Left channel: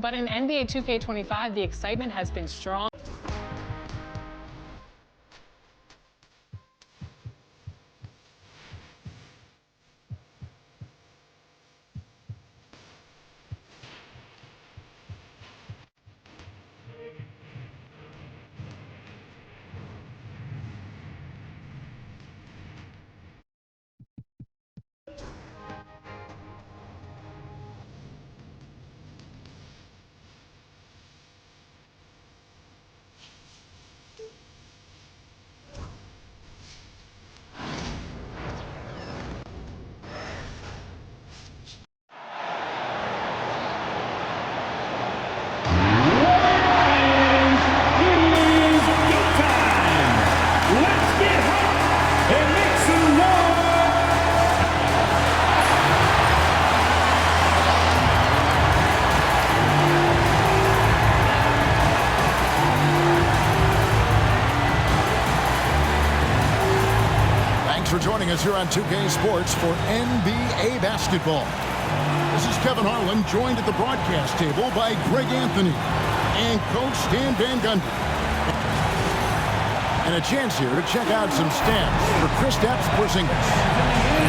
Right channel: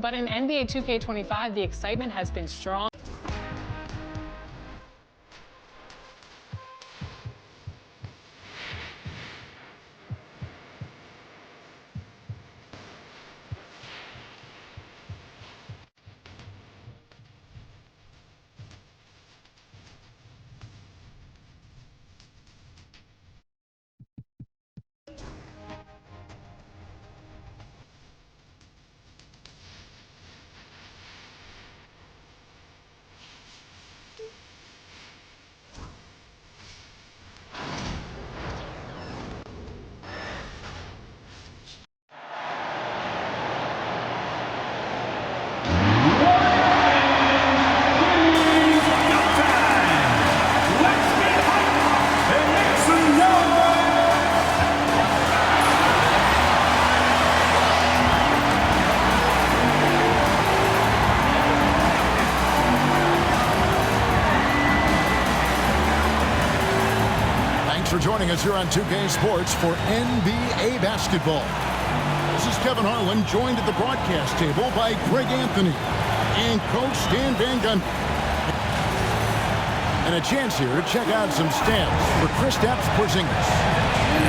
But in NBA 2K25, the excitement has been strong. Thanks for joining us here on 2K Sports for NBA basketball. This is Kevin Harlan, joined at the broadcast table by Greg Anthony and Coach Stan Van Gundy. And a chance here to check out some stats for Kristaps Porzingis.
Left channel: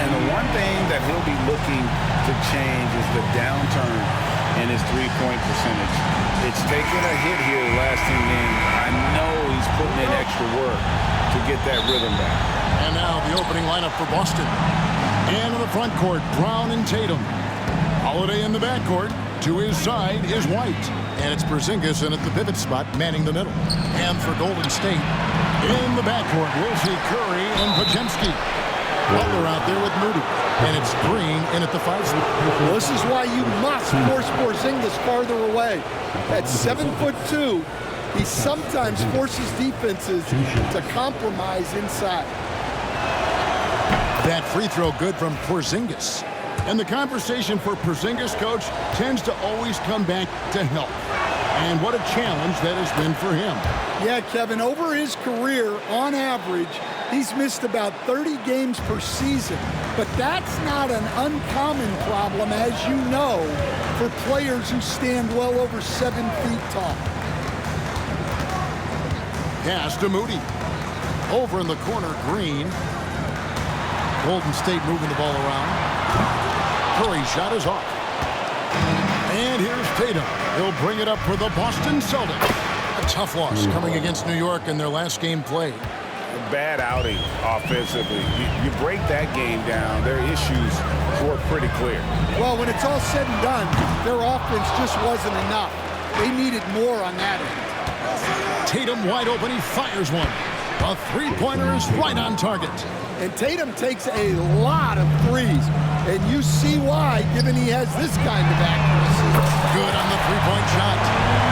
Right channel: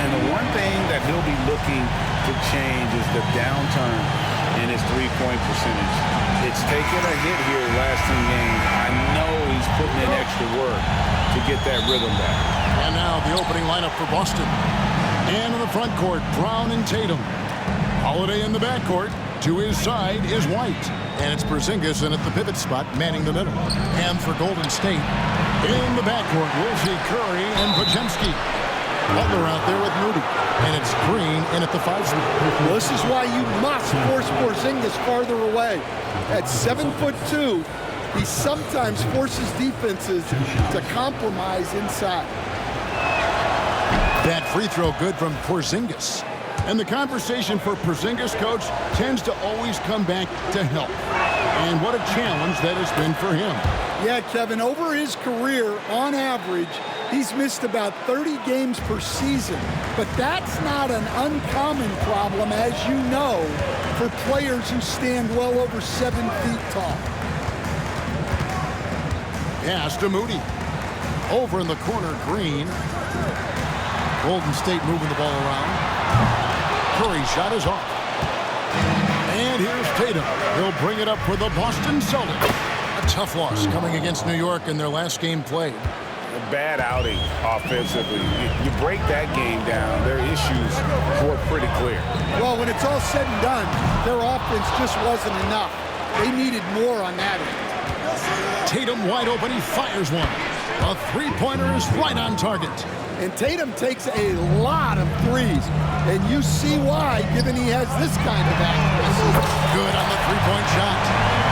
And the one thing that he'll be looking to change is the downturn in his three-point percentage. It's taken a hit here the last 10 games. I know he's putting in extra work to get that rhythm back. And now the opening lineup for Boston. And in the front court, Brown and Tatum. Holiday in the backcourt. To his side is White. And it's Porzingis in at the pivot spot, manning the middle. And for Golden State, in the backcourt, we'll see Curry and Podziemski. Butler out there with Moody. And it's Green in at the 5 spot. Well, this is why you must force Porzingis farther away. At 7'2", he sometimes forces defenses to compromise inside. That free throw good from Porzingis. And the conversation for Porzingis, Coach, tends to always come back to health. And what a challenge that has been for him. Yeah, Kevin, over his career, on average, he's missed about 30 games per season. But that's not an uncommon problem, as you know, for players who stand well over 7 feet tall. Pass to Moody. Over in the corner, Green. Golden State moving the ball around. Curry's shot is off. And here's Tatum. He'll bring it up for the Boston Celtics. A tough loss coming against New York in their last game played. A bad outing offensively. You break that game down, their issues were pretty clear. Well, when it's all said and done, their offense just wasn't enough. They needed more on that end. Tatum wide open, he fires one. A three-pointer is right on target. And Tatum takes a lot of threes. And you see why, given he has this kind of accuracy. Good on the three-point shot.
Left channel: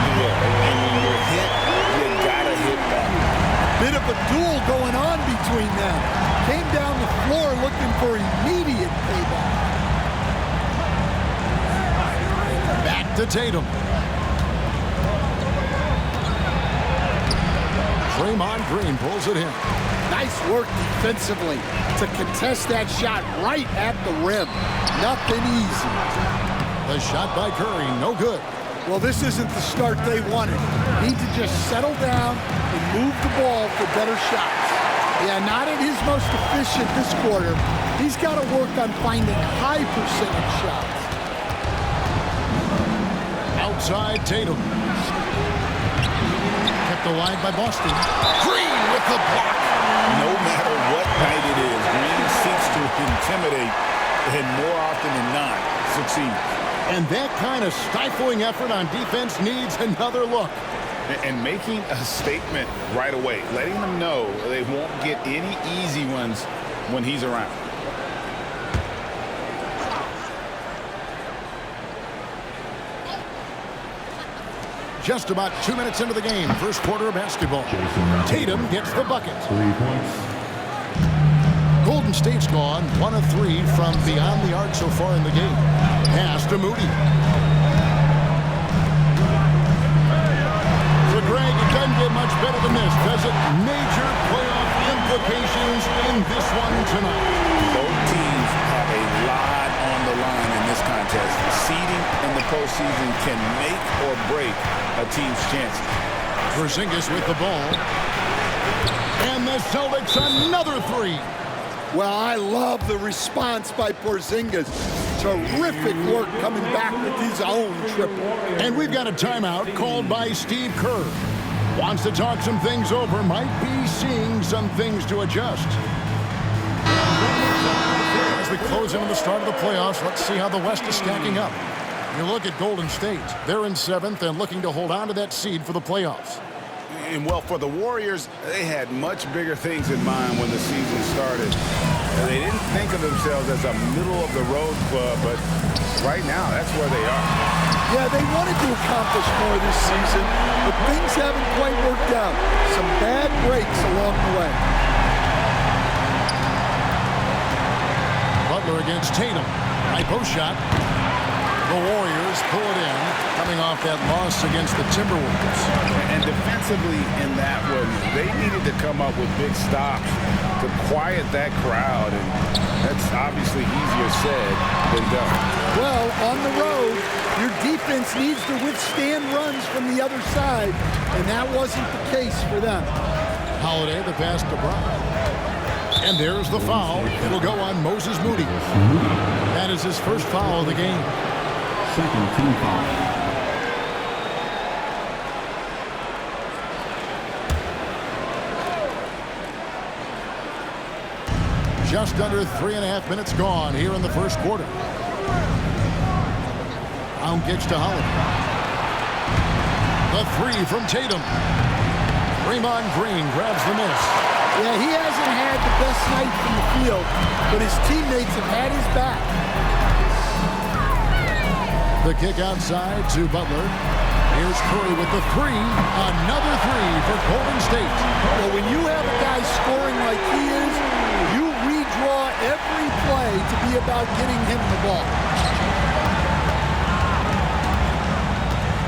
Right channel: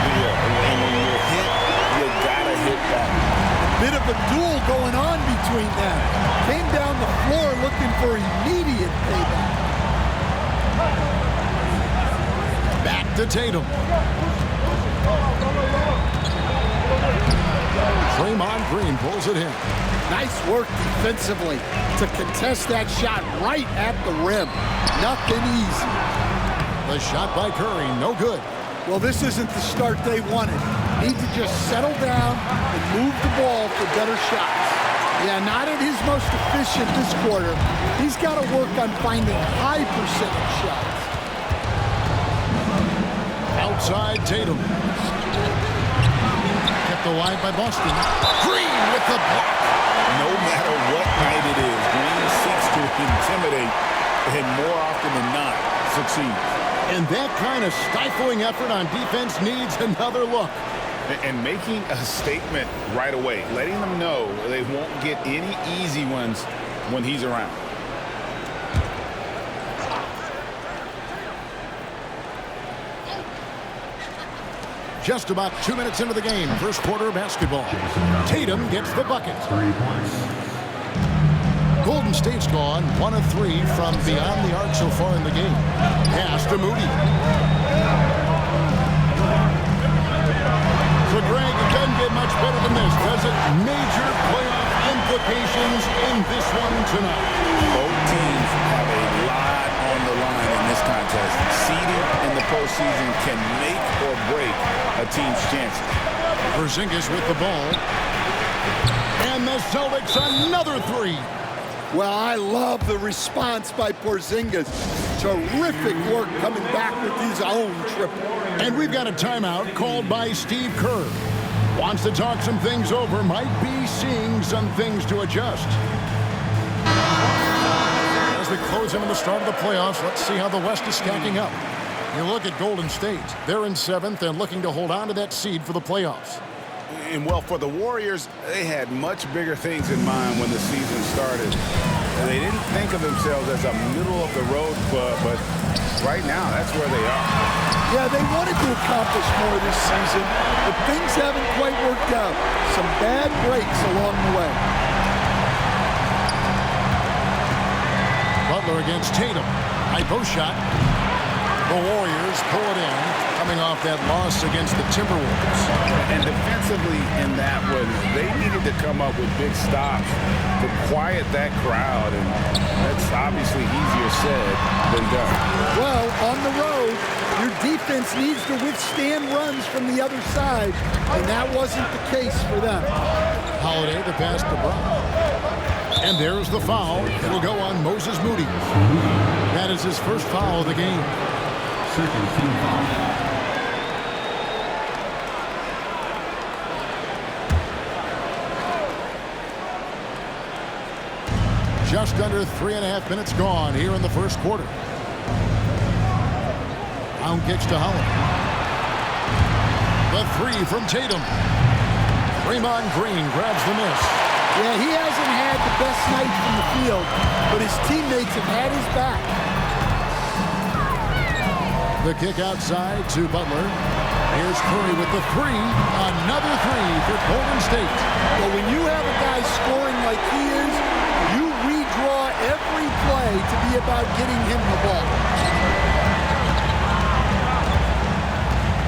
Yeah, and when you're hit, you gotta hit back. A bit of a duel going on between them. Came down the floor looking for immediate payback. Back to Tatum. Draymond Green pulls it in. Nice work defensively to contest that shot right at the rim. Nothing easy. The shot by Curry, no good. Well, this isn't the start they wanted. Need to just settle down and move the ball for better shots. Yeah, not at his most efficient this quarter. He's got to work on finding high percentage shots. Outside Tatum. Kept alive by Boston. Green with the block. No matter what night it is, Green seeks to intimidate and more often than not succeeds. And that kind of stifling effort on defense needs another look. And making a statement right away, letting them know they won't get any easy ones when he's around. Just about 2 minutes into the game, first quarter of basketball. Tatum gets the bucket. 3 points. Golden State's gone 1 of 3 from beyond the arc so far in the game. Pass to Moody. So, Greg, it doesn't get much better than this, does it? Major playoff implications in this one tonight. Both teams have a lot on the line in this contest. Seeding in the postseason can make or break a team's chances. Porzingis with the ball. And the Celtics another three. Well, I love the response by Porzingis. Terrific work coming back with his own triple. And we've got a timeout called by Steve Kerr. Wants to talk some things over, might be seeing some things to adjust. As we close in on the start of the playoffs, let's see how the West is stacking up. You look at Golden State. They're in 7th and looking to hold on to that seed for the playoffs. And, well, for the Warriors, they had much bigger things in mind when the season started. They didn't think of themselves as a middle-of-the-road club, but right now, that's where they are. Yeah, they wanted to accomplish more this season, but things haven't quite worked out. Some bad breaks along the way. Butler against Tatum. High post shot. The Warriors pull it in, coming off that loss against the Timberwolves. And defensively in that one, they needed to come up with big stops to quiet that crowd, and that's obviously easier said than done. Well, on the road, your defense needs to withstand runs from the other side, and that wasn't the case for them. Holiday, the pass to Brown. And there's the foul. It'll go on Moses Moody. That is his first foul of the game. Second team foul. Just under 3.5 minutes gone here in the first quarter. Brown kicks to Holiday. The three from Tatum. Draymond Green grabs the miss. Yeah, he hasn't had the best night from the field, but his teammates have had his back. The kick outside to Butler. Here's Curry with the three. Another three for Golden State. Well, when you have a guy scoring like he is, you redraw every play to be about getting him the ball.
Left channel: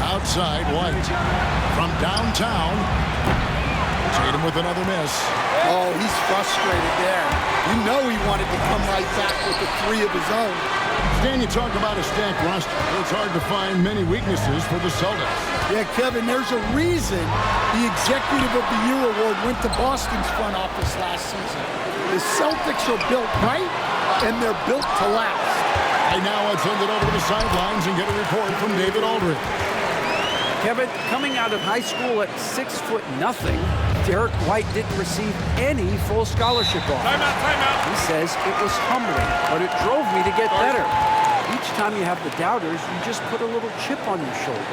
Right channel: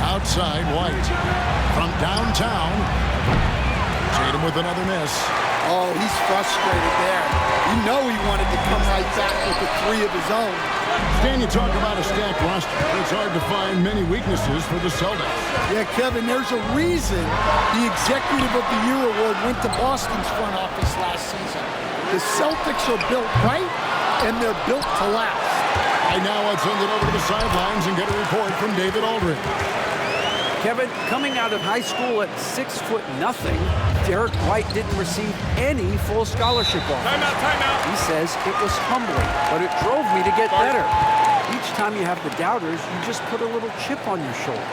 Outside, White. From downtown, Tatum with another miss. Oh, he's frustrated there. You know he wanted to come right back with the three of his own. Stan, you talk about a stacked roster. It's hard to find many weaknesses for the Celtics. Yeah, Kevin, there's a reason the Executive of the Year award went to Boston's front office last season. The Celtics are built right, and they're built to last. Right now, let's send it over to the sidelines and get a report from David Aldridge. Kevin, coming out of high school at 6'0", Derek White didn't receive any full scholarship offers. Timeout. He says it was humbling, but it drove me to get better. Each time you have the doubters, you just put a little chip on your shoulder.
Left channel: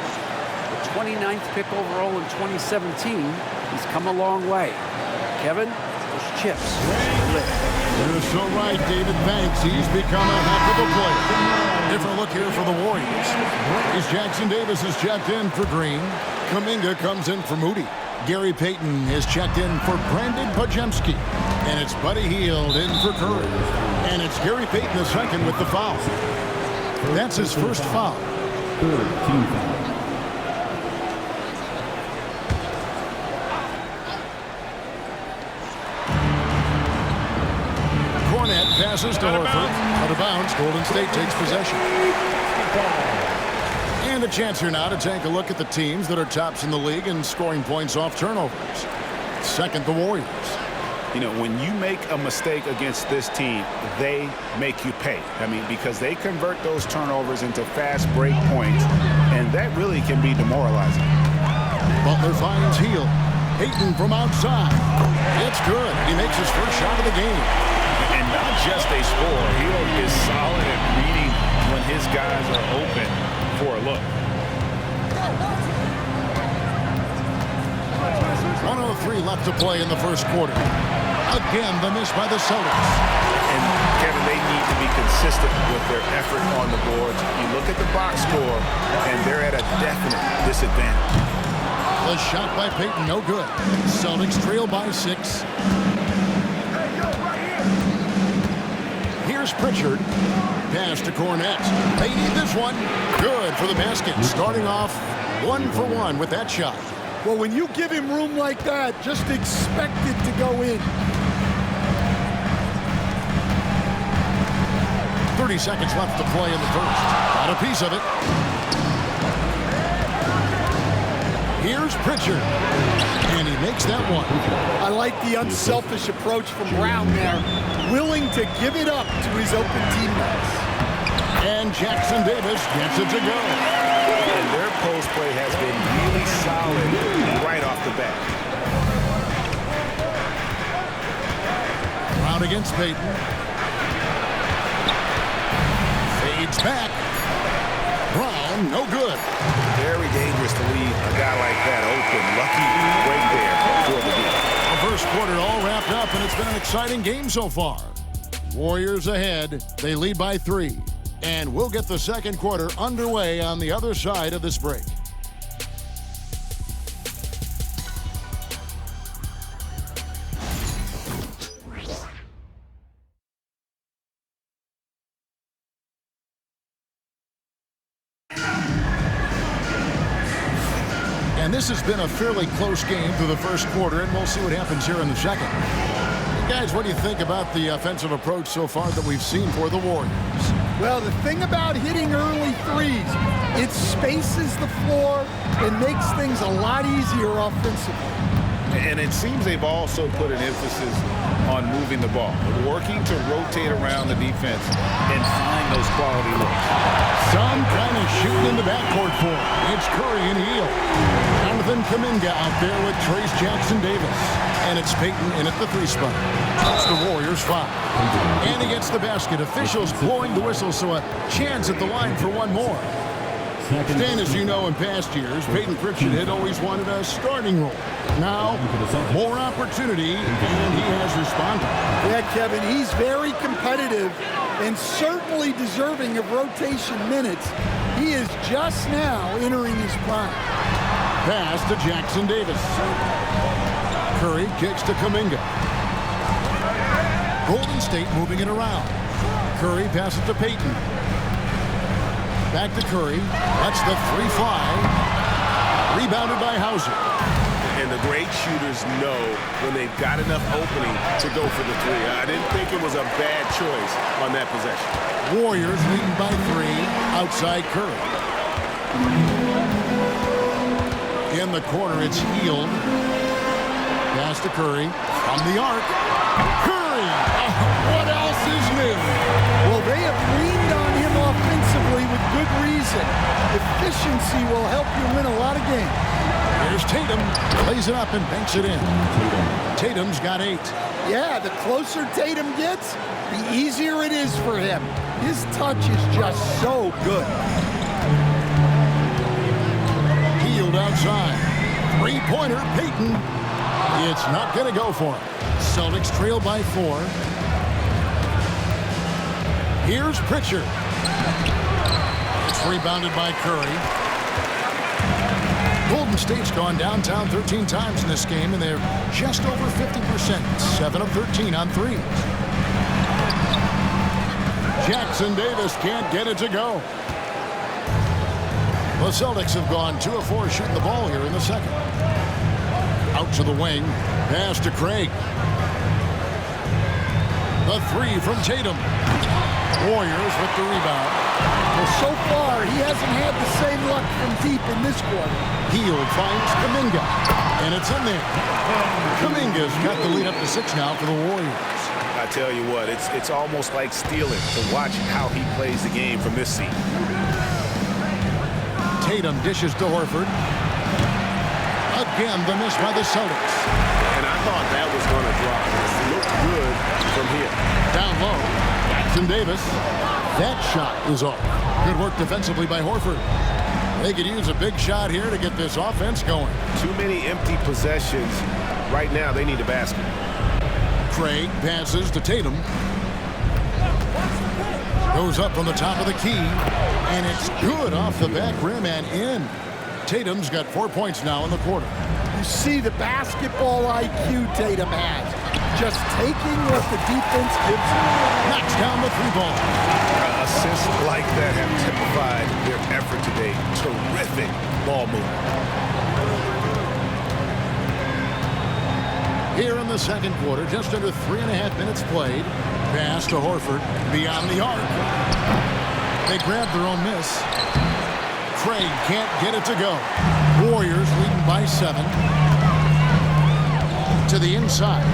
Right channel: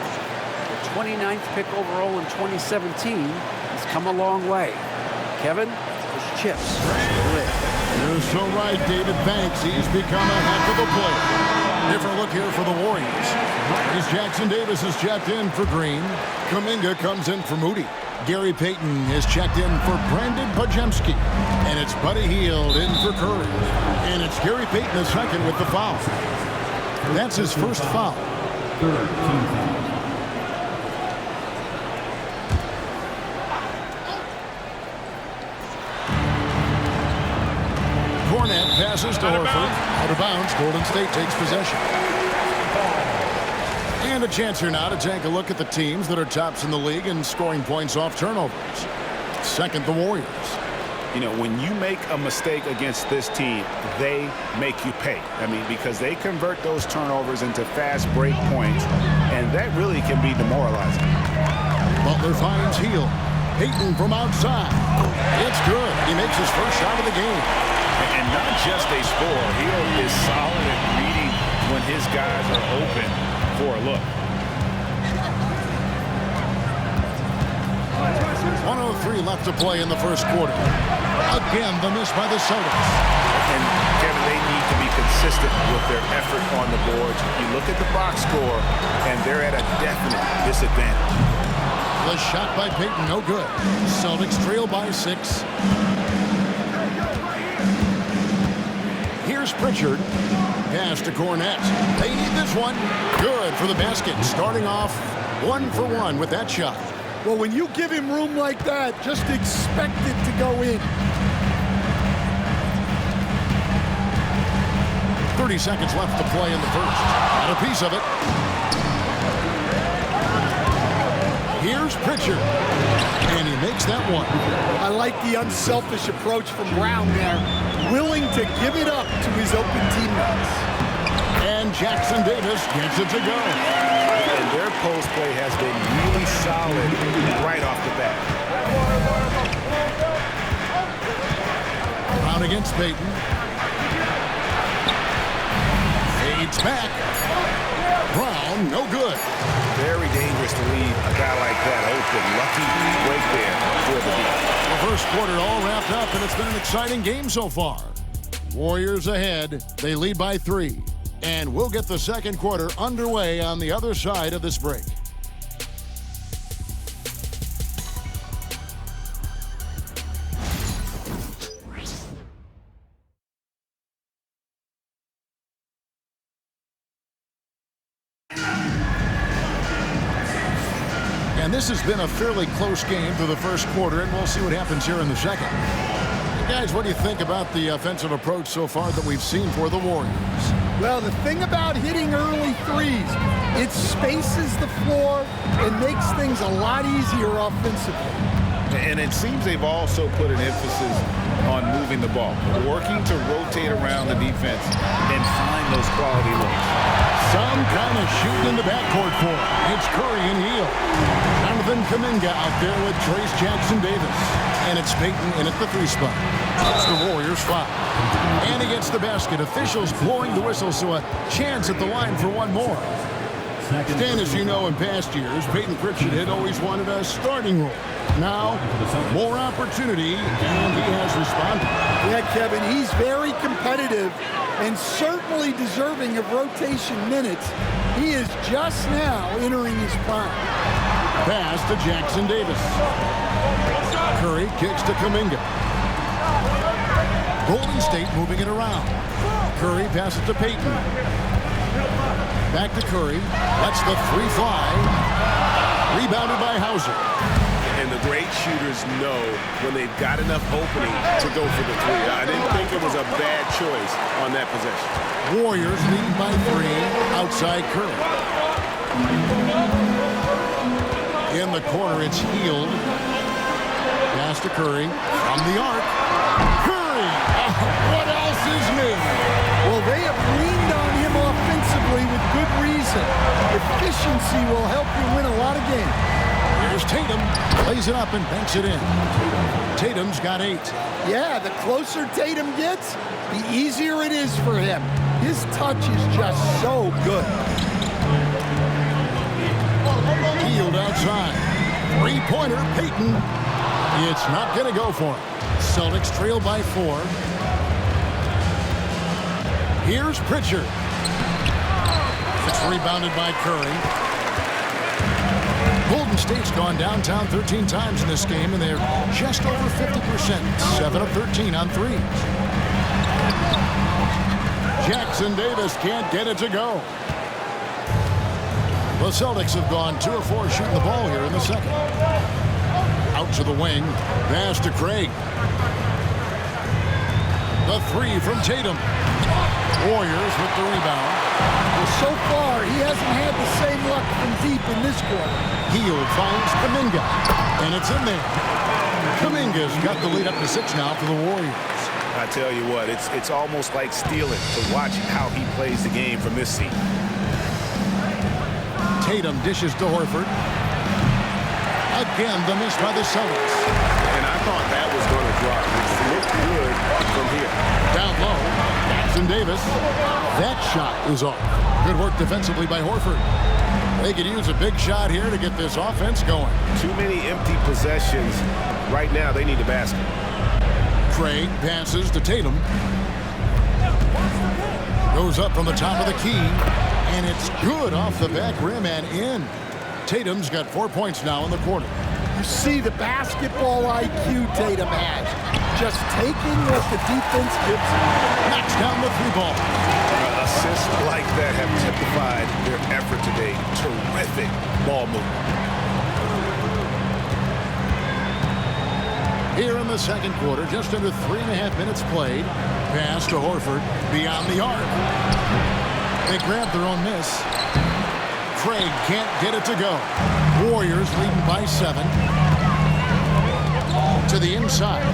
The 29th pick overall in 2017, he's come a long way. Kevin, those chips still live. You're so right, David. Thanks. He's become a heck of a player. Different look here for the Warriors. Trace Jackson-Davis is checked in for Green. Kuminga comes in for Moody. Gary Payton is checked in for Brandon Podziemski. And it's Buddy Hield in for Curry. And it's Gary Payton the second with the foul. That's his first foul. Third team foul. Cornette passes to Horford. Out of bounds. Golden State takes possession. And a chance here now to take a look at the teams that are tops in the league in scoring points off turnovers. Second, the Warriors. You know, when you make a mistake against this team, they make you pay. I mean, because they convert those turnovers into fast break points, and that really can be demoralizing. Butler finds Hield. Payton from outside. It's good. He makes his first shot of the game. And not just a score. Hield is solid at reading when his guys are open for a look. 1:03 left to play in the first quarter. Again, the miss by the Celtics. And, Kevin, they need to be consistent with their effort on the boards. You look at the box score, and they're at a definite disadvantage. The shot by Payton, no good. Celtics trail by 6. Hey, yo, right here. Here's Pritchard. Pass to Cornette. They need this one. Good for the basket. Starting off 1 for 1 with that shot. Well, when you give him room like that, just expect it to go in. 30 seconds left to play in the first. Got a piece of it. Here's Pritchard, and he makes that one. I like the unselfish approach from Brown there, willing to give it up to his open teammates. And Jackson Davis gets it to go. And their post play has been really solid right off the bat. Brown against Payton. Fades back. Brown, no good. Very dangerous to leave a guy like that open. Lucky break there for the D. The first quarter all wrapped up, and it's been an exciting game so far. Warriors ahead. They lead by 3. And we'll get the second quarter underway on the other side of this break. And this has been a fairly close game through the first quarter, and we'll see what happens here in the second. And guys, what do you think about the offensive approach so far that we've seen for the Warriors? Well, the thing about hitting early threes, it spaces the floor and makes things a lot easier offensively. And it seems they've also put an emphasis on moving the ball, working to rotate around the defense and find those quality looks. Some kind of shooting in the backcourt for him. It's Curry and Hield. Jonathan Kuminga out there with Trace Jackson Davis. And it's Payton in at the 3 spot. That's the Warriors 5. And he gets the basket. Officials blowing the whistle, so a chance at the line for one more. Stan, as you know, in past years, Payton Pritchard had always wanted a starting role. Now, more opportunity, and he has responded. Yeah, Kevin, he's very competitive and certainly deserving of rotation minutes. He is just now entering his prime. Pass to Jackson Davis. Curry kicks to Kuminga. Golden State moving it around. Curry passes to Payton. Back to Curry. Lets the 3 fly. Rebounded by Hauser. And the great shooters know when they've got enough opening to go for the 3. I didn't think it was a bad choice on that possession. Warriors leading by 3 outside Curry. In the corner, it's Hield. Pass to Curry from the arc. Curry! What else is new? Well, they have leaned on him offensively with good reason. Efficiency will help you win a lot of games. Here's Tatum. Plays it up and banks it in. Tatum's got 8. Yeah, the closer Tatum gets, the easier it is for him. His touch is just so good. Hield outside. 3-pointer, Payton. It's not going to go for him. Celtics trail by 4. Here's Pritchard. It's rebounded by Curry. Golden State's gone downtown 13 times in this game, and they're just over 50%. 7 of 13 on 3s. Jackson Davis can't get it to go. The Celtics have gone 2 of 4 shooting the ball here in the second. Out to the wing. Pass to Craig. The 3 from Tatum. Warriors with the rebound. Well, so far, he hasn't had the same luck from deep in this quarter. Hield finds Kuminga, and it's in there. Kuminga's got the lead up to 6 now for the Warriors. I tell you what, it's almost like stealing to watch how he plays the game from this seat. Tatum dishes to Horford. Again, the miss by the Celtics. And I thought that was going to drop. It looked good from here. Down low, Jackson Davis. That shot is off. Good work defensively by Horford. They could use a big shot here to get this offense going. Too many empty possessions. Right now, they need a basket. Craig passes to Tatum. Goes up from the top of the key, and it's good off the back rim and in. Tatum's got 4 points now in the quarter. You see the basketball IQ Tatum has. Just taking what the defense gives him. Knocks down the 3 ball. Assists like that have typified their effort today. Terrific ball movement. Here in the second quarter, just under 3.5 minutes played. Pass to Horford, beyond the arc. They grab their own miss. Craig can't get it to go. Warriors leading by 7. To the inside.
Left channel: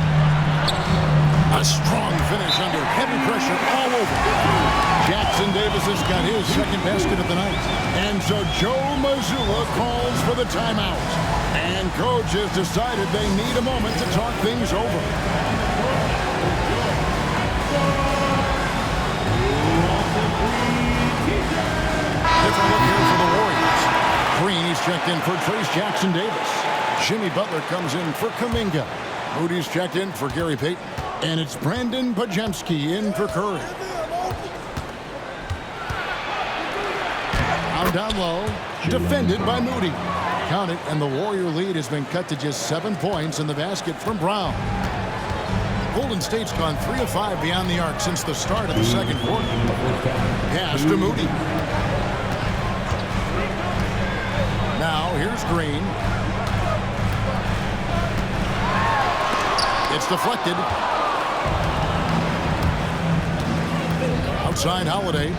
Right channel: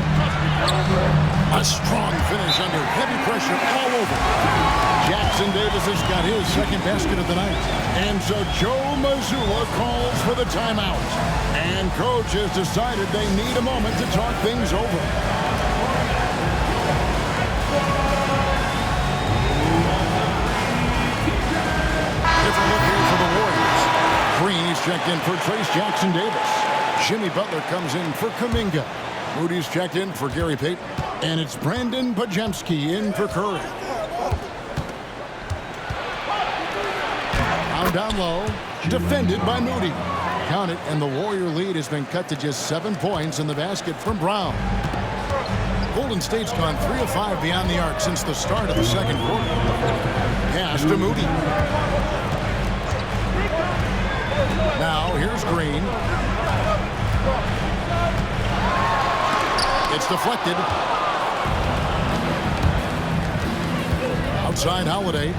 A strong finish under heavy pressure all over. Jackson Davis has got his second basket of the night. And so Joe Mazzulla calls for the timeout. And coach has decided they need a moment to talk things over. Different look here for the Warriors. Green, he's checked in for Trace Jackson Davis. Jimmy Butler comes in for Kuminga. Moody's checked in for Gary Payton. And it's Brandon Pajemski in for Curry. Brown down low. Defended by Moody. Count it, and the Warrior lead has been cut to just 7 points in the basket from Brown. Golden State's gone 3 of 5 beyond the arc since the start of the second quarter. Pass to Moody. Now, here's Green. It's deflected. Outside Holiday.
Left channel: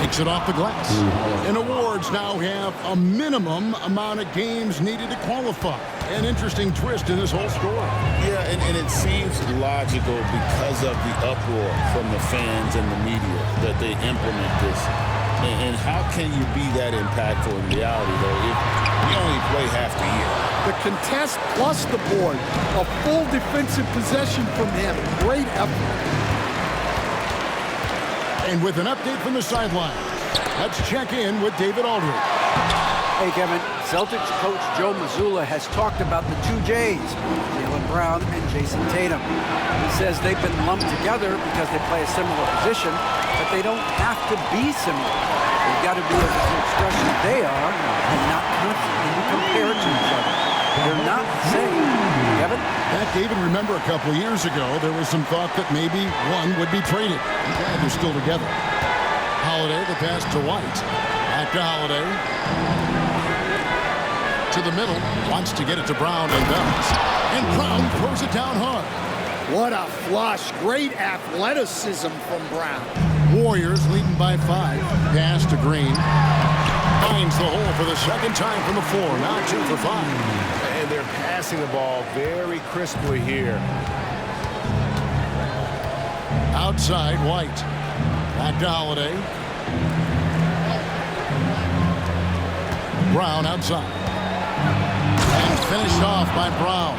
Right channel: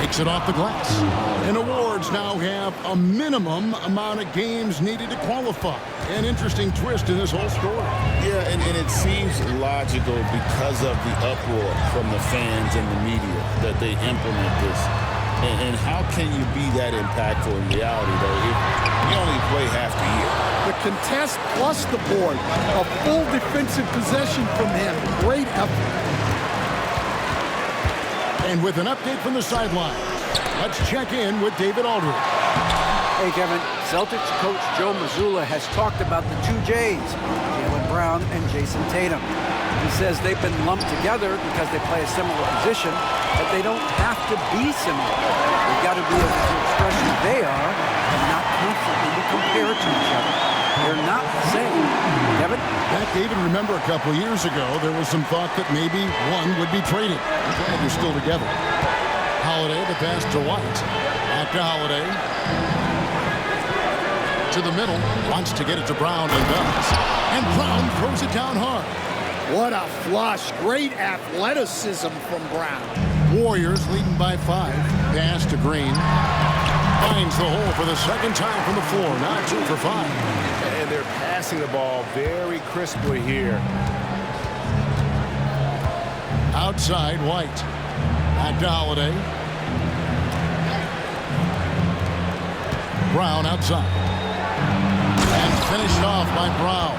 Takes it off the glass. And awards now have a minimum amount of games needed to qualify. An interesting twist in this whole story. Yeah, and it seems logical because of the uproar from the fans and the media that they implement this. And how can you be that impactful in reality, though, if you only play half the year? The contest plus the board. A full defensive possession from him. Great effort. And with an update from the sidelines, let's check in with David Aldridge. Hey, Kevin. Celtics coach Joe Mazzulla has talked about the 2 J's, Jaylen Brown and Jason Tatum. He says they've been lumped together because they play a similar position, but they don't have to be similar. They've got to be able to express who they are and not constantly be compared to each other. They're not the same. Kevin? That, David, remember a couple years ago, there was some thought that maybe one would be traded. I'm glad they're still together. Holiday, the pass to White. Back to Holiday. To the middle. Wants to get it to Brown and does. And Brown throws it down hard. What a flush. Great athleticism from Brown. Warriors leading by 5. Pass to Green. Finds the hole for the second time from the floor. Now 2 for 5. And they're passing the ball very crisply here. Outside, White. Back to Holiday. Brown outside. And finished off by Brown.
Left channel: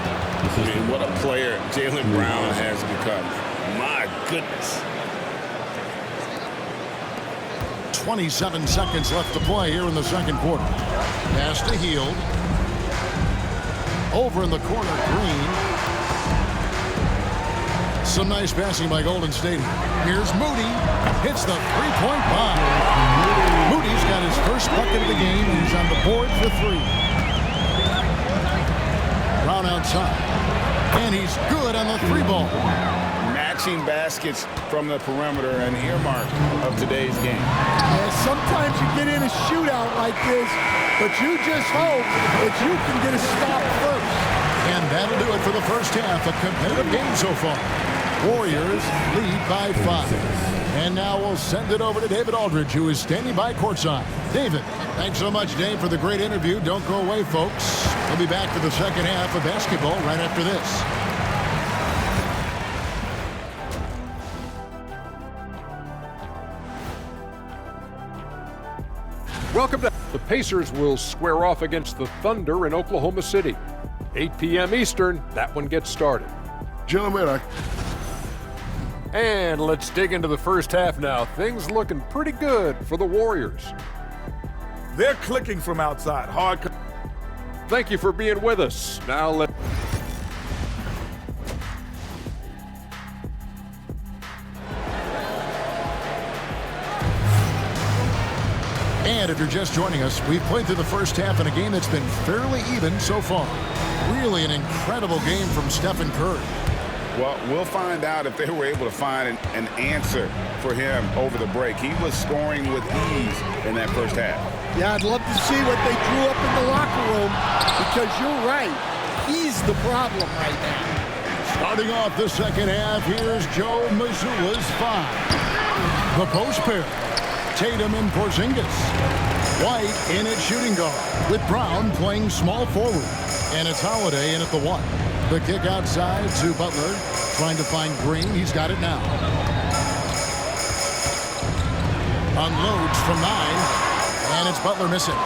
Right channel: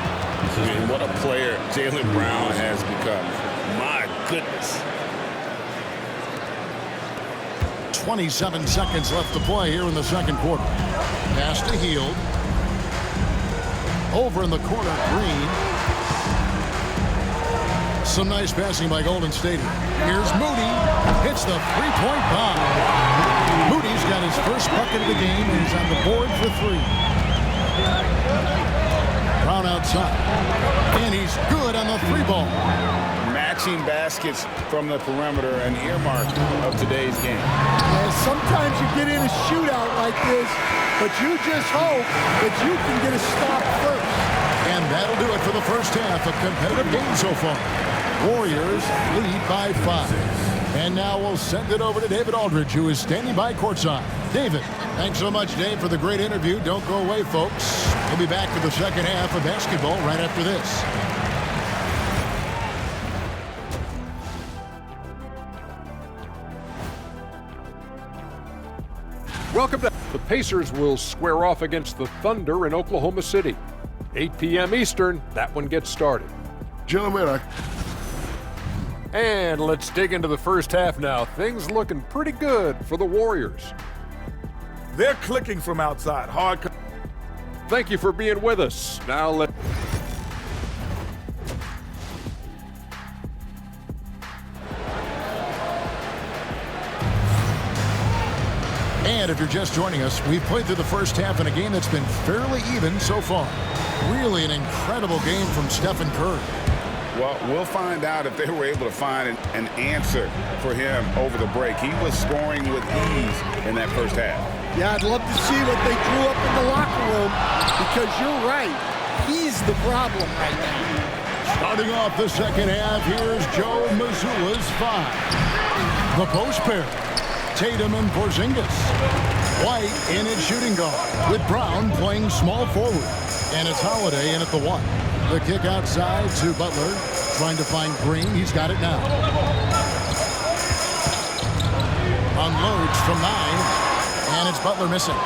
And what a player Jaylen Brown has become. My goodness. 27 seconds left to play here in the second quarter. Pass to Hield. Over in the corner, Green. Some nice passing by Golden State here. Here's Moody. Hits the three-point bomb. Moody's got his first bucket of the game, and he's on the board for 3. Brown outside. And he's good on the 3-ball. Matching baskets from the perimeter, an earmark of today's game. Yeah, sometimes you get in a shootout like this, but you just hope that you can get a stop first. And that'll do it for the first half. A competitive game so far. Warriors lead by 5. And now we'll send it over to David Aldridge, who is standing by courtside. David, thanks so much, Dave, for the great interview. Don't go away, folks. We'll be back for the second half of basketball right after this. Welcome to the Pacers will square off against the Thunder in Oklahoma City. 8 p.m. Eastern, that one gets started. Gentlemen, And let's dig into the first half now. Things looking pretty good for the Warriors. they're clicking from outside. Hard. Thank you for being with us. Now let And if you're just joining us, we've played through the first half in a game that's been fairly even so far. Really an incredible game from Stephen Curry. Well, we'll find out if they were able to find an answer for him over the break. He was scoring with ease in that first half. Yeah, I'd love to see what they drew up in the locker room, because you're right. He's the problem right now. Starting off the second half, here's Joe Mazzulla's 5. The post pair, Tatum and Porzingis. White in at shooting guard, with Brown playing small forward. And it's Holiday in at the 1. The kick outside to Butler, trying to find Green. He's got it now. Unloads from 9, and it's Butler missing.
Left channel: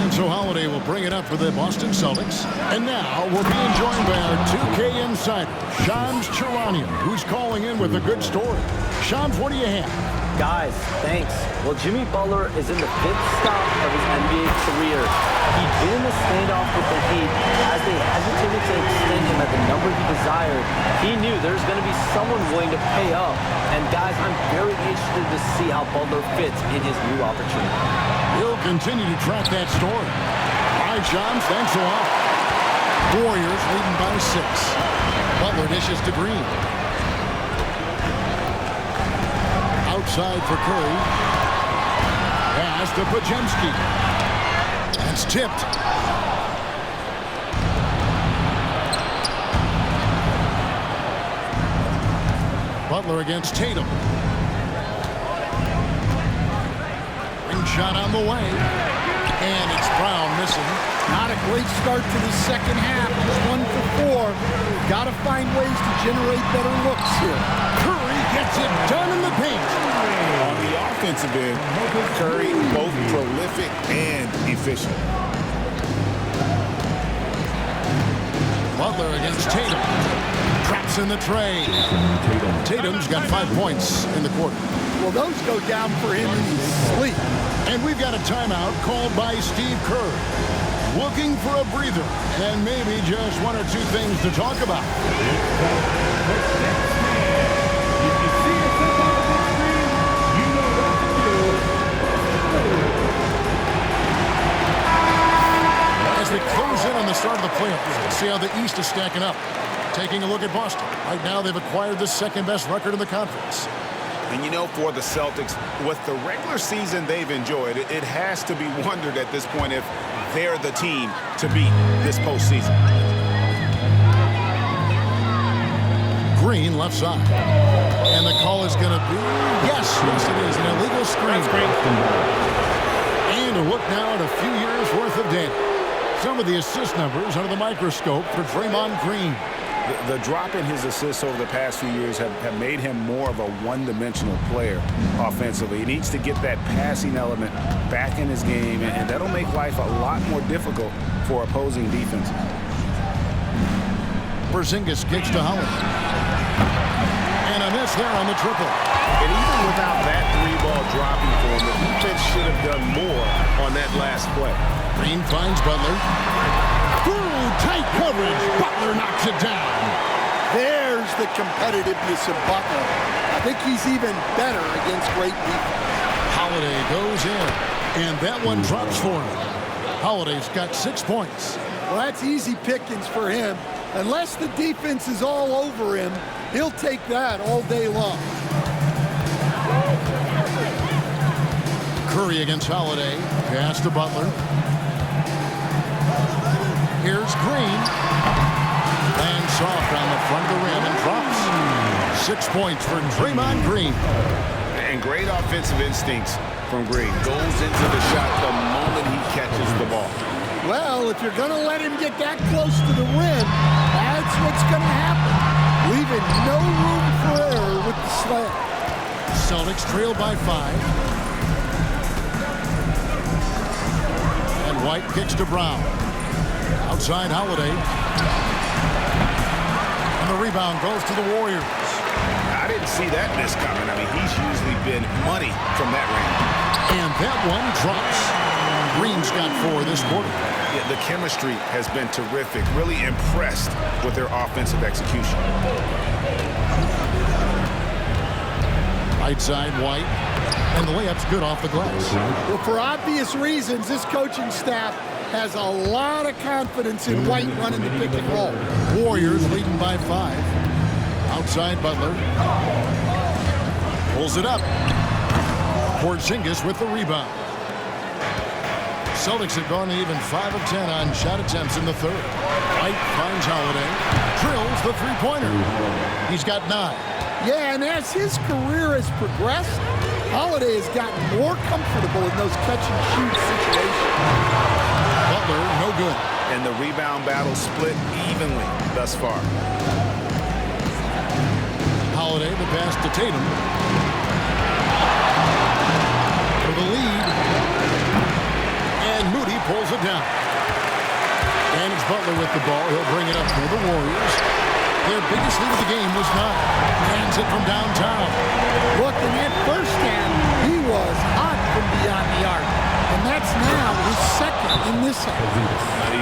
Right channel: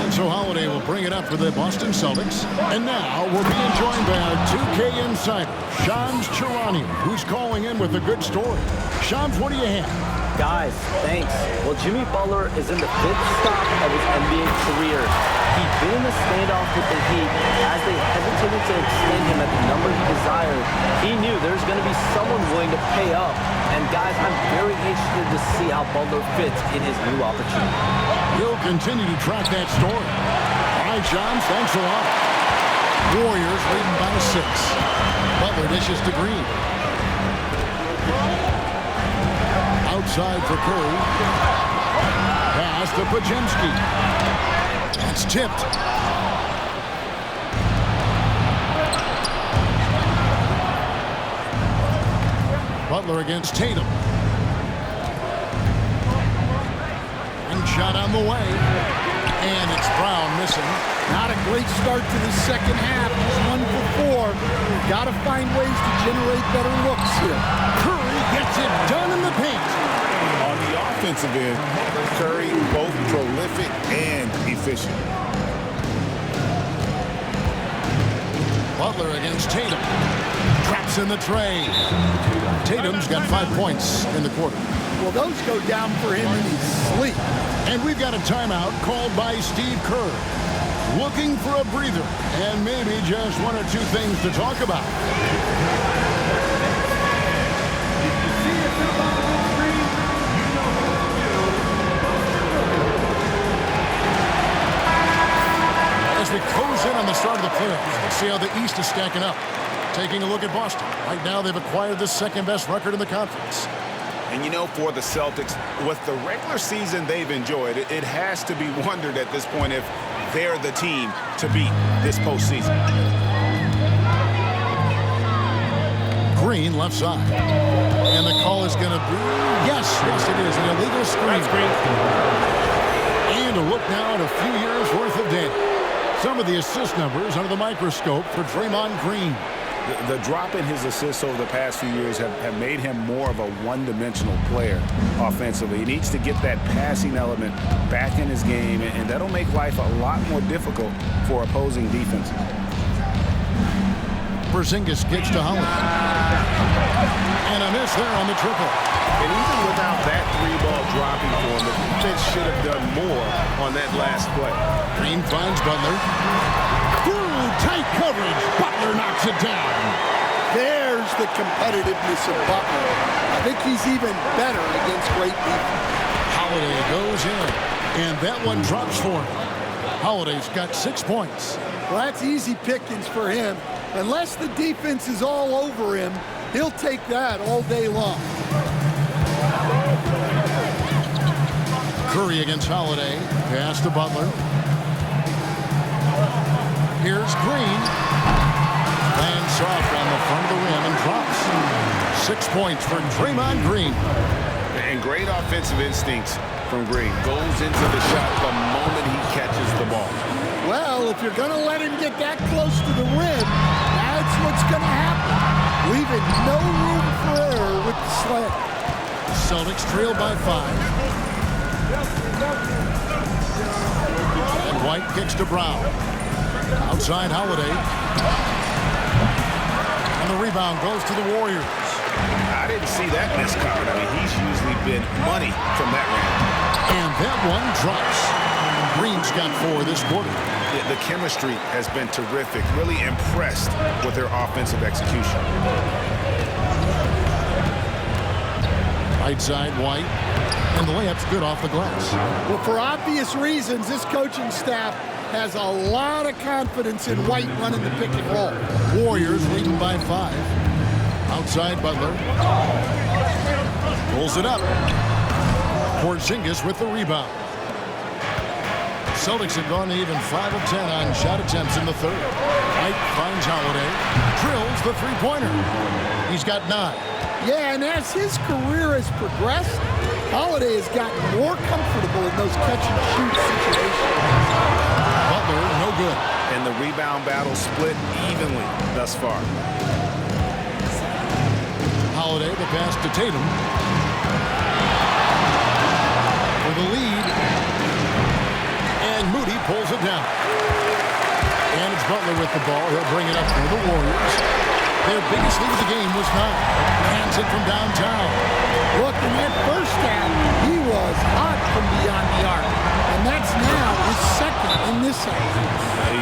And so Holiday will bring it up for the Boston Celtics. And now we're being joined by our 2K insider, Shams Charania, who's calling in with a good story. Shams, what do you have? Guys, thanks. Well, Jimmy Butler is in the 5th stop of his NBA career. He'd been in a standoff with the Heat. As they hesitated to extend him at the number he desired, he knew there's going to be someone willing to pay up. And guys, I'm very interested to see how Butler fits in his new opportunity. We'll continue to track that story. All right, Shams, thanks a lot. Warriors leading by 6. Butler dishes to Green. Outside for Curry. Pass to Podziemski. That's tipped. Butler against Tatum. Wing shot on the way. And it's Brown missing. Not a great start to the second half. Just 1 for 4. Got to find ways to generate better looks here. Curry gets it done in the paint. On the offensive end, Curry both prolific and efficient. Butler against Tatum. Traps in the tray. Tatum's got 5 points in the quarter. Well, those go down for him in his sleep. And we've got a timeout called by Steve Kerr. Looking for a breather and maybe just 1 or 2 things to talk about. As we close in on the start of the playoffs, let's see how the East is stacking up. Taking a look at Boston. Right now, they've acquired the 2nd-best record in the conference. And you know, for the Celtics, with the regular season they've enjoyed, it has to be wondered at this point if they're the team to beat this postseason. Green left side. And the call is going to be, yes, it is, an illegal screen. That's green. And a look now at a few years' worth of data. Some of the assist numbers under the microscope for Draymond Green. The drop in his assists over the past few years have made him more of a one-dimensional player offensively. He needs to get that passing element back in his game, and that'll make life a lot more difficult for opposing defenses. Porzingis kicks to Holiday. And a miss there on the triple. And even without that 3-ball dropping for him, the defense should have done more on that last play. Green finds Butler. Through tight coverage, Butler knocks it down. There's the competitiveness of Butler. I think he's even better against great defense. Holiday goes in, and that one drops for him. Holiday's got 6 points. Well, that's easy pickings for him. Unless the defense is all over him, he'll take that all day long. Curry against Holiday. Pass to Butler. Here's Green. Lands soft on the front of the rim and drops. 6 points for Draymond Green. And great offensive instincts from Green. Goes into the shot the moment he catches the ball. Well, if you're going to let him get that close to the rim, that's what's going to happen. Leaving no room for error with the slam. Celtics trail by 5. And White kicks to Brown. Outside Holiday. And the rebound goes to the Warriors. I didn't see that miss coming. I mean, he's usually been money from that range. And that one drops. Green's got 4 this quarter. Yeah, the chemistry has been terrific. Really impressed with their offensive execution. Right side, White. And the layup's good off the glass. Well, for obvious reasons, this coaching staff has a lot of confidence in White running the pick and roll. Warriors leading by 5. Outside Butler. Pulls it up. Porzingis with the rebound. Celtics have gone even 5 of 10 on shot attempts in the third. White finds Holiday. drills the three-pointer. He's got 9. Yeah, and as his career has progressed, Holiday has gotten more comfortable in those catch-and-shoot situations. Butler, no good. And the rebound battle split evenly thus far. Holiday, the pass to Tatum. For the lead. And Moody pulls it down. And it's Butler with the ball. He'll bring it up for the Warriors. Their biggest lead of the game was 9. Hands it from downtown. Look, in that first half, he was hot from beyond the arc. And that's now his second in this half.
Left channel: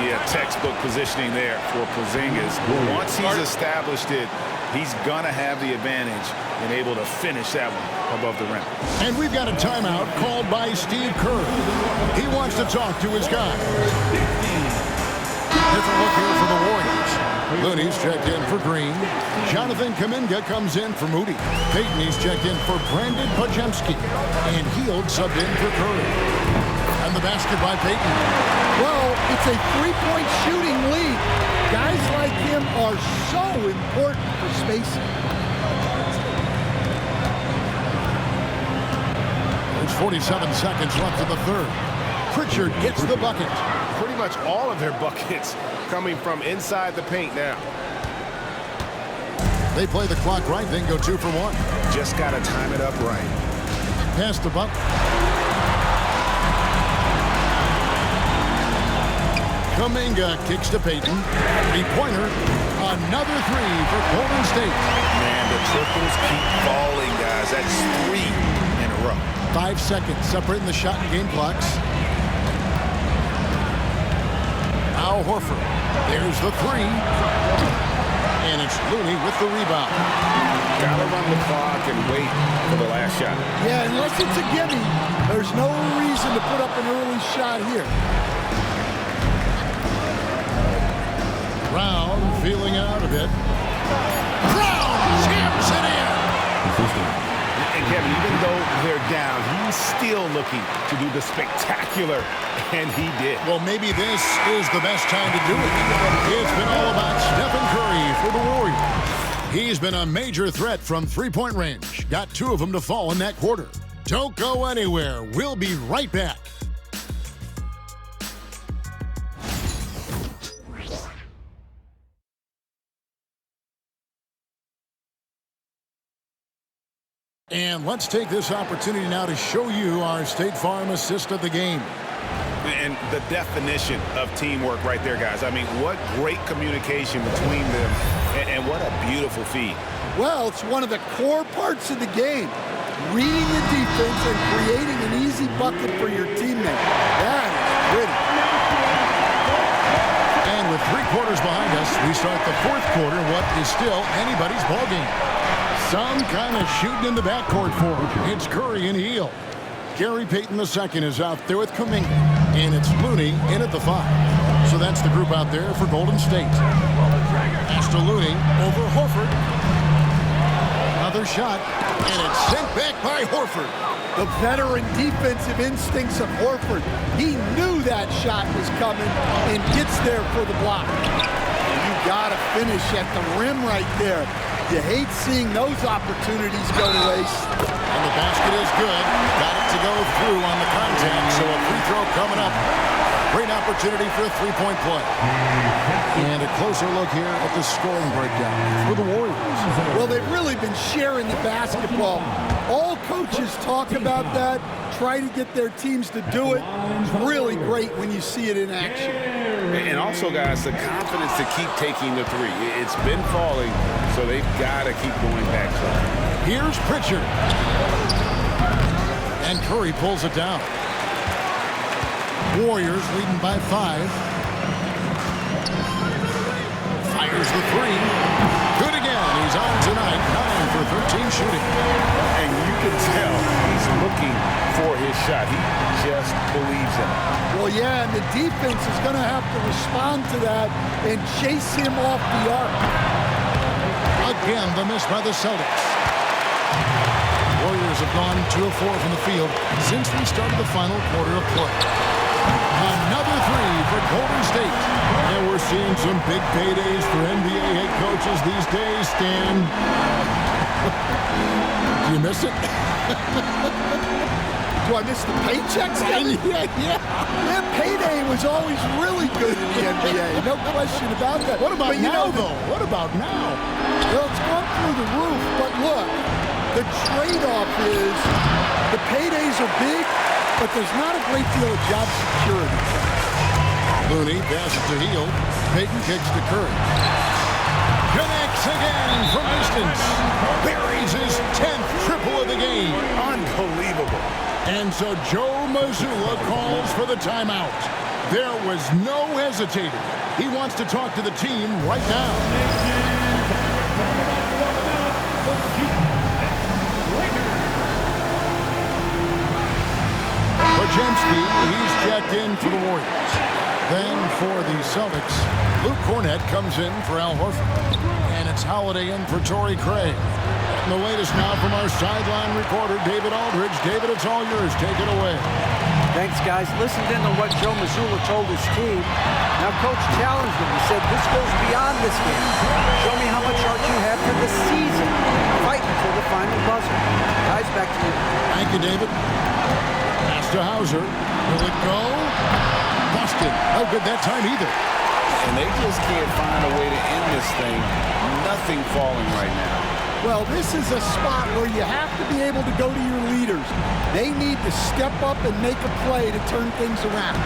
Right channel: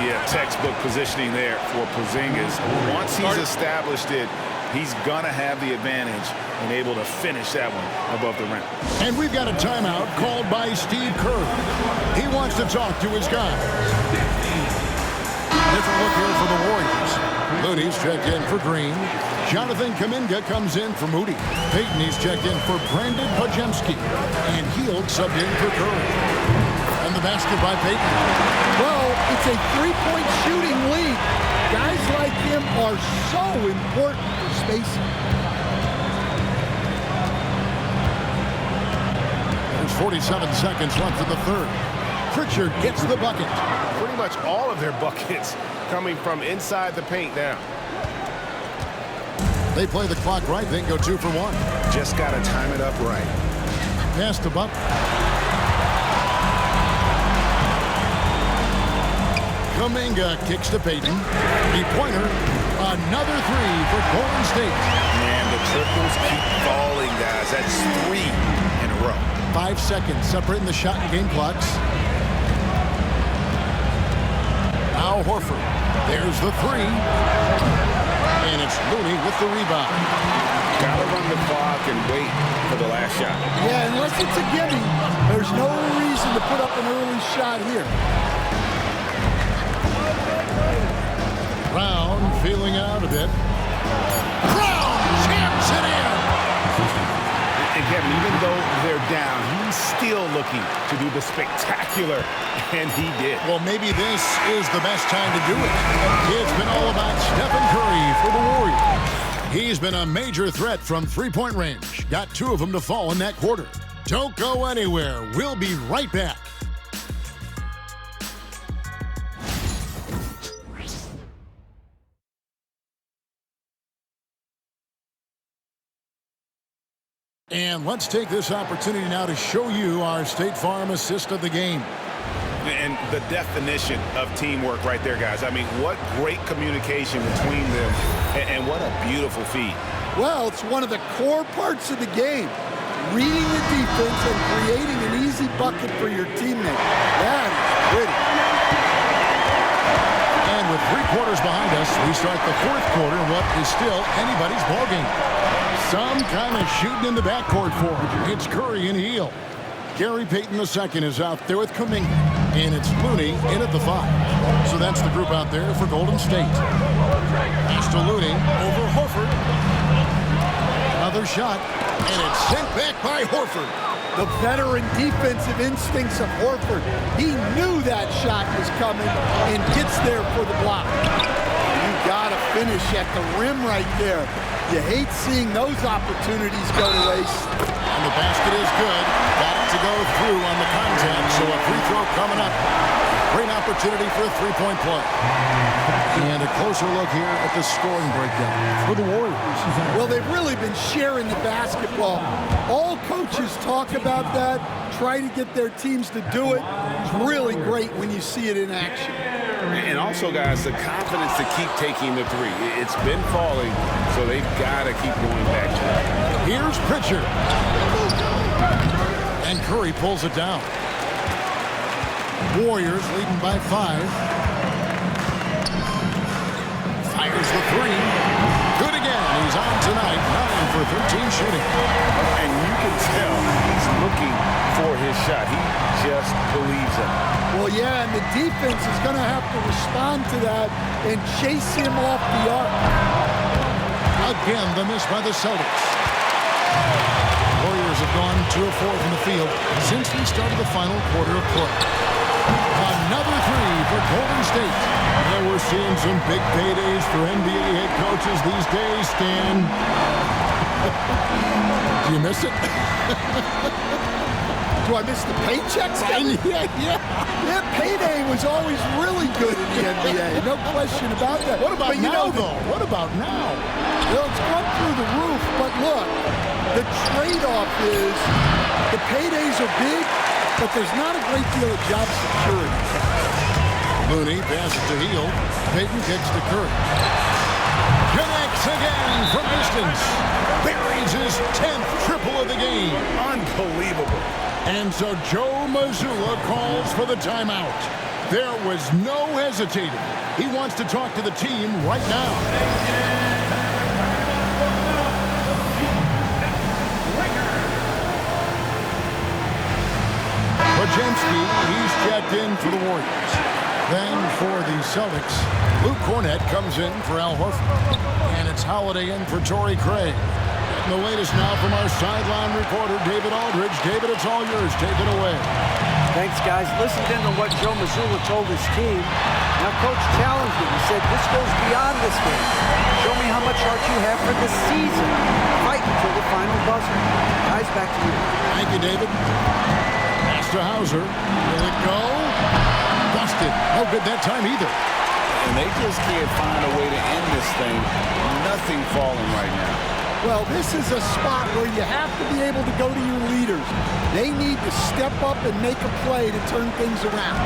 Yeah, textbook positioning there for Porzingis. Once he's established it, he's going to have the advantage and able to finish that one above the rim. And we've got a timeout called by Steve Kerr. He wants to talk to his guys. Different look here for the Warriors. Looney's checked in for Green. Jonathan Kuminga comes in for Moody. Payton, he's checked in for Brandon Pajemski. And Hield subbed in for Curry. And the basket by Payton. Well, it's a three-point shooting league. Guys like him are so important for spacing. There's 47 seconds left in the third. Pritchard gets the bucket. Pretty much all of their buckets coming from inside the paint now. They play the clock right, then go 2 for 1. Just got to time it up right. Pass to Butler. Kuminga kicks to Payton. Three-pointer. Another 3 for Golden State. Man, the triples keep falling, guys. That's 3 in a row. 5 seconds separating the shot and game clocks. Now Horford. There's the 3. And it's Looney with the rebound. Got to run the clock and wait for the last shot. Yeah, unless it's a gimme, there's no reason to put up an early shot here. Brown feeling it out a bit. Brown jams it in. And Kevin, even though they're down, he's still looking to do the spectacular, and he did. Well, maybe this is the best time to do it. It's been all about Stephen Curry for the Warriors. He's been a major threat from three-point range. Got 2 of them to fall in that quarter. Don't go anywhere. We'll be right back. And let's take this opportunity now to show you our State Farm assist of the game. And the definition of teamwork right there, guys. I mean, what great communication between them, and what a beautiful feed. Well, it's one of the core parts of the game. Reading the defense and creating an easy bucket for your teammate. That is pretty. And with 3 quarters behind us, we start the 4th quarter in what is still anybody's ballgame. Some kind of shooting in the backcourt for him. It's Curry and Hield. Gary Payton II is out there with Kuminga. And it's Looney in at the 5. So that's the group out there for Golden State. Pass to Looney over Horford. Another shot. And it's sent back by Horford. The veteran defensive instincts of Horford. He knew that shot was coming and gets there for the block. You got to finish at the rim right there. You hate seeing those opportunities go to waste. And the basket is good. Got it to go through on the contact, so a free throw coming up. A great opportunity for a three-point play. And a closer look here at the scoring breakdown for the Warriors. Well, they've really been sharing the basketball. All coaches talk about that, try to get their teams to do it. It's really great when you see it in action. And also, guys, the confidence to keep taking the 3. It's been falling, so they've got to keep going back to it. Here's Pritchard. And Curry pulls it down. Warriors leading by 5. Fires the 3. Good again. He's on tonight. 9 for 13 shooting. And you can tell he's looking for his shot. He just believes in it. Well, yeah, and the defense is going to have to respond to that and chase him off the arc. Again, the miss by the Celtics. Warriors have gone 2 of 4 from the field since we started the final quarter of play. Another three for Golden State. And we're seeing some big paydays for NBA head coaches these days, Stan. Do you miss it? Do I miss the paychecks? Yeah, payday was always really good in the NBA. No question about that. What about but now, though? What about now? Well, it's gone through the roof, but look, the trade-off is the paydays are big, but there's not a great deal of job security. Looney passes to Hield. Payton kicks to Curry. Connects again from distance. Buries his 10th triple of the game. Unbelievable. And so Joe Mazzulla calls for the timeout. There was no hesitating. He wants to talk to the team right now. Podziemski, he's checked in for the Warriors. Then for the Celtics, Luke Cornett comes in for Al Horford. And it's Holiday in for Torrey Craig. Getting the latest now from our sideline reporter, David Aldridge. David, it's all yours. Take it away. Thanks, guys. Listened in on what Joe Mazzulla told his team. Now, Coach challenged him. He said, this goes beyond this game. Show me how much heart you have for the season. Fight until the final buzzer. Guys, back to you. Thank you, David. Pass to Hauser. Will it go? Busted. No good that time either. And they just can't find a way to end this thing. Nothing falling right now. Well, this is a spot where you have to be able to go to your leaders. They need to step up and make a play to turn things around.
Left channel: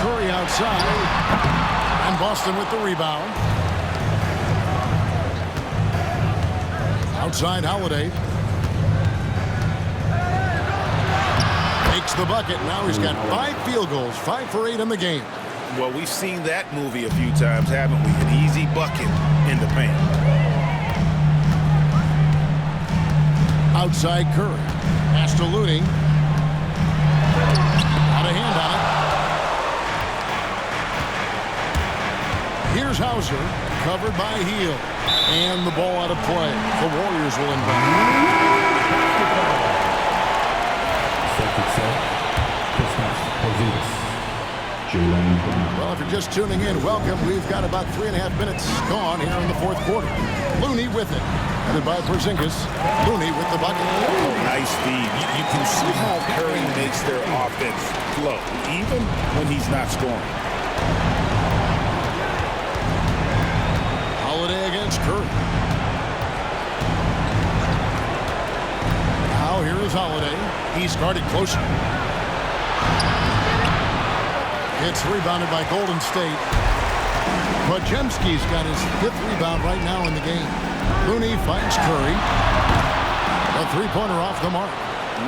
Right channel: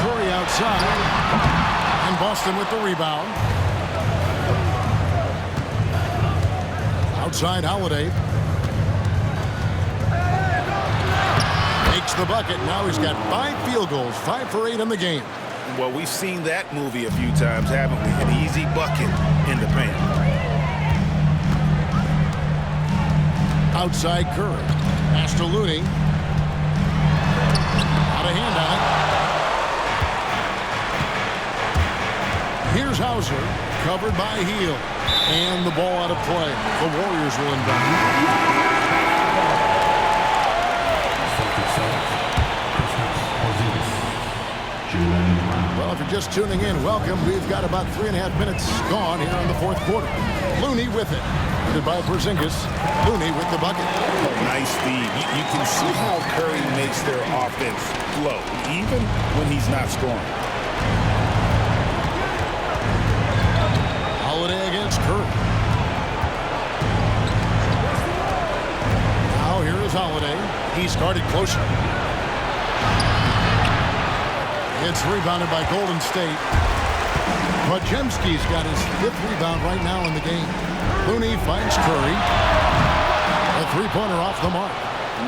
Curry outside. And Boston with the rebound. Outside Holiday. Makes the bucket. Now he's got 5 field goals, 5 for 8 in the game. Well, we've seen that movie a few times, haven't we? An easy bucket in the paint. Outside Curry. Pass to Looney. Got a hand on it. Here's Hauser. Covered by Hield. And the ball out of play. The Warriors will inbound. Well, if you're just tuning in, welcome. We've got about 3.5 minutes gone here in the fourth quarter. Looney with it. Headed by Porzingis. Looney with the bucket. Oh, nice feed. You can see how Curry makes their offense flow, even when he's not scoring. Holiday against Curry. Now here is Holiday. He's guarded closer. It's rebounded by Golden State. Podziemski's got his 5th rebound right now in the game. Looney finds Curry. A three-pointer off the mark.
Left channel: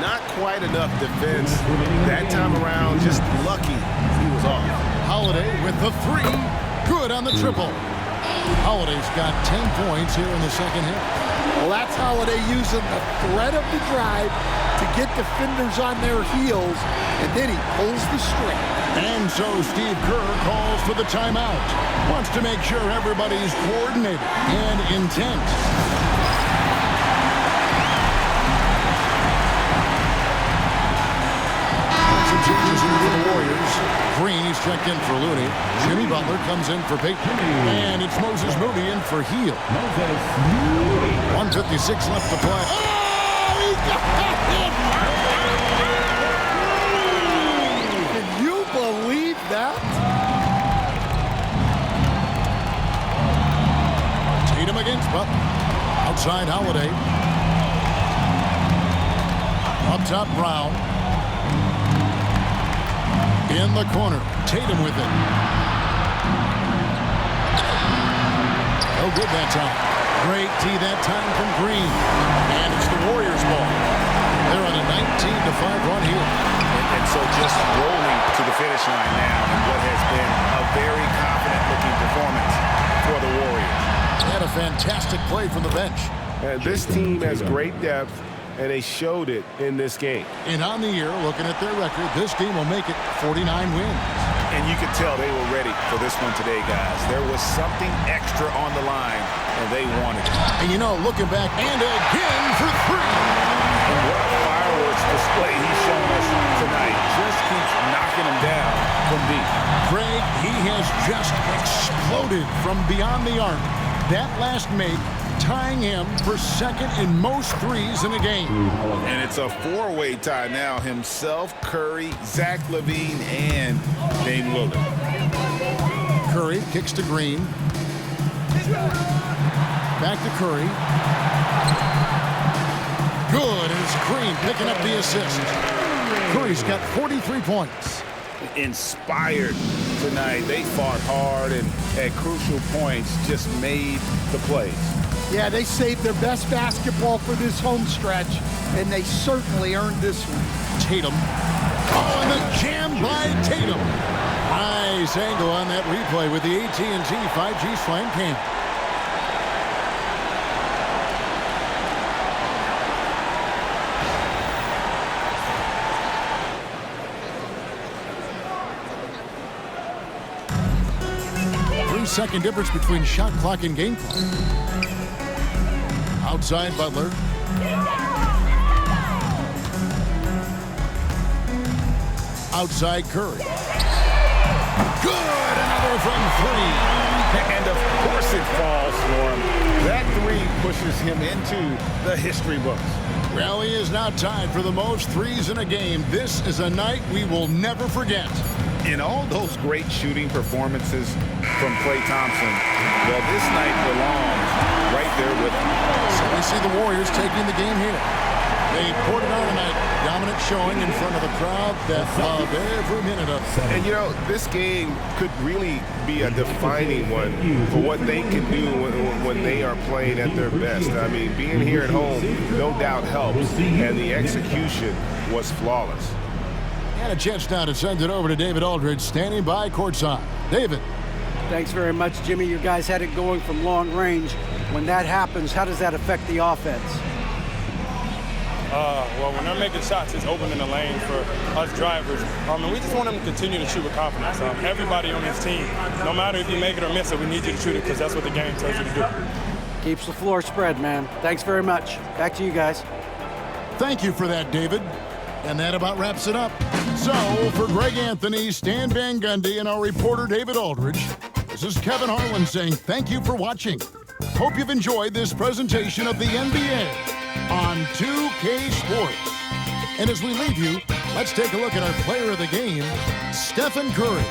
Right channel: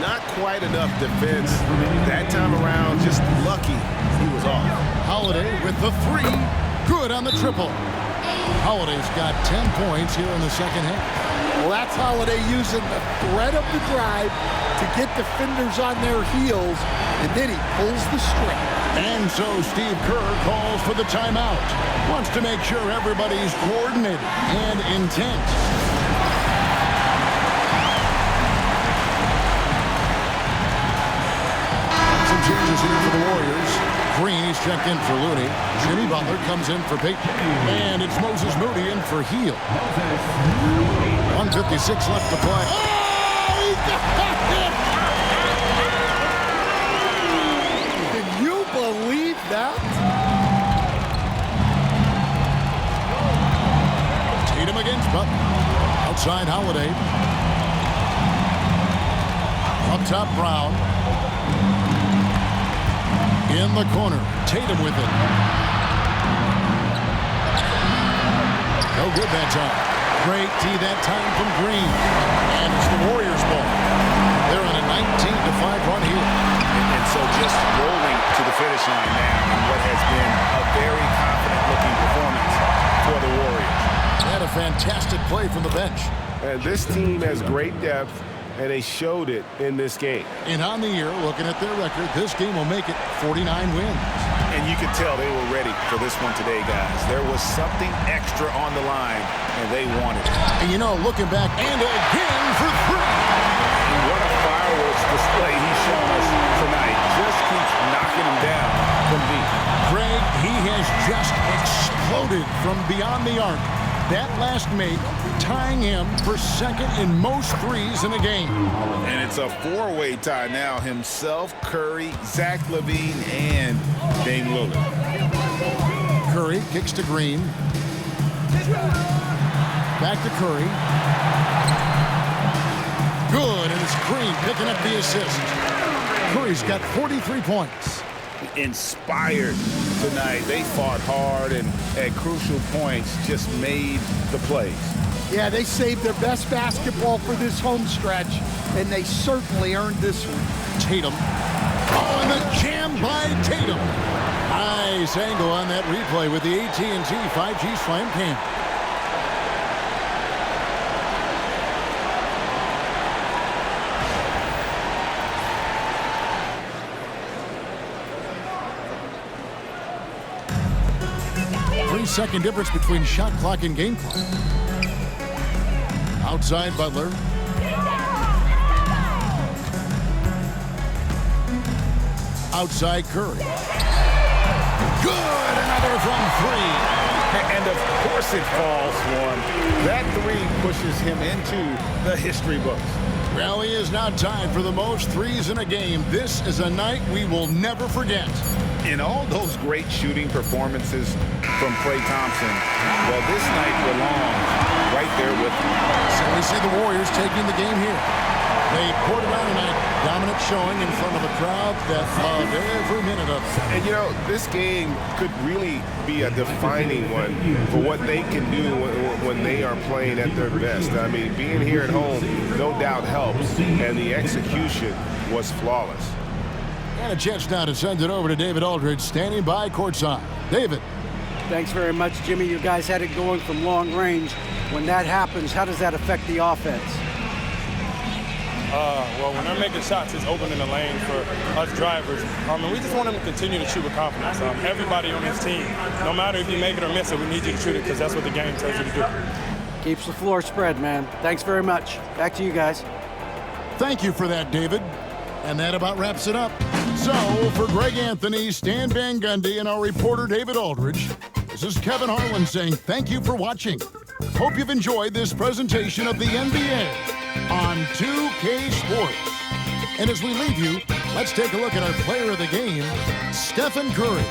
Not quite enough defense that time around. Just lucky he was off. Holiday with the 3. Good on the triple. Holiday's got 10 points here in the second half. Well, that's Holiday using the threat of the drive to get defenders on their heels, and then he pulls the string. And so Steve Kerr calls for the timeout. Wants to make sure everybody's coordinated and intent. And some changes here for the Warriors. Green, he's checked in for Looney. Jimmy Butler comes in for Payton. And it's Moses Moody in for Hield. 1:56 left to play. Oh, he got it! Can you believe that? Tatum against Butler. Outside Holiday. Up top Brown. In the corner. Tatum with it. No good that time. Great tee that time from Green. And it's the Warriors ball. They're on a 19-5 run here. And so just rolling to the finish line now in what has been a very confident-looking performance for the Warriors. They had a fantastic play from the bench. And this team has great depth, and they showed it in this game. And on the year, looking at their record, this game will make it 49 wins. And you could tell they were ready for this one today, guys. There was something extra on the line, and they wanted it. And you know, looking back, and again for 3. And what a fireworks display he's shown us tonight. Just keeps knocking him down from deep. Greg, he has just exploded from beyond the arc. That last make tying him for second in most threes in a game. And it's a four-way tie now. Himself, Curry, Zach LaVine, and Dame Lillard. Curry kicks to Green. Back to Curry. Good, and it's Green picking up the assist. Curry's got 43 points. Inspired tonight. They fought hard and at crucial points just made the plays. Yeah, they saved their best basketball for this home stretch, and they certainly earned this one. Tatum. Oh, and the jam by Tatum. Nice angle on that replay with the AT&T 5G Slam Cam. Three-second difference between shot clock and game clock. Outside Butler. Outside Curry. Good, another from three. And of course it falls for him. That three pushes him into the history books. Well, he is now tied for the most threes in a game. This is a night we will never forget. In all those great shooting performances from Klay Thompson, well, this night belongs right there with him. So we see the Warriors taking the game here. They poured it on tonight. Dominant showing in front of a crowd that loved every minute of it. And, you know, this game could really be a defining one for what they can do when they are playing at their best. I mean, being here at home, no doubt helps, and the execution was flawless. And a chance now to send it over to David Aldridge, standing by courtside. David. Thanks very much, Jimmy. You guys had it going from long range. When that happens, how does that affect the offense? Well, when they're making shots, it's opening the lane for us drivers. And we just want them to continue to shoot with confidence. Everybody on this team, no matter if you make it or miss it, we need you to shoot it because that's what the game tells you to do. Keeps the floor spread, man. Thanks very much. Back to you guys. Thank you for that, David. And that about wraps it up. So, for Greg Anthony, Stan Van Gundy, and our reporter David Aldridge, this is Kevin Harlan saying thank you for watching. Hope you've enjoyed this presentation of the NBA on 2K Sports. And as we leave you, let's take a look at our player of the game, Stephen Curry.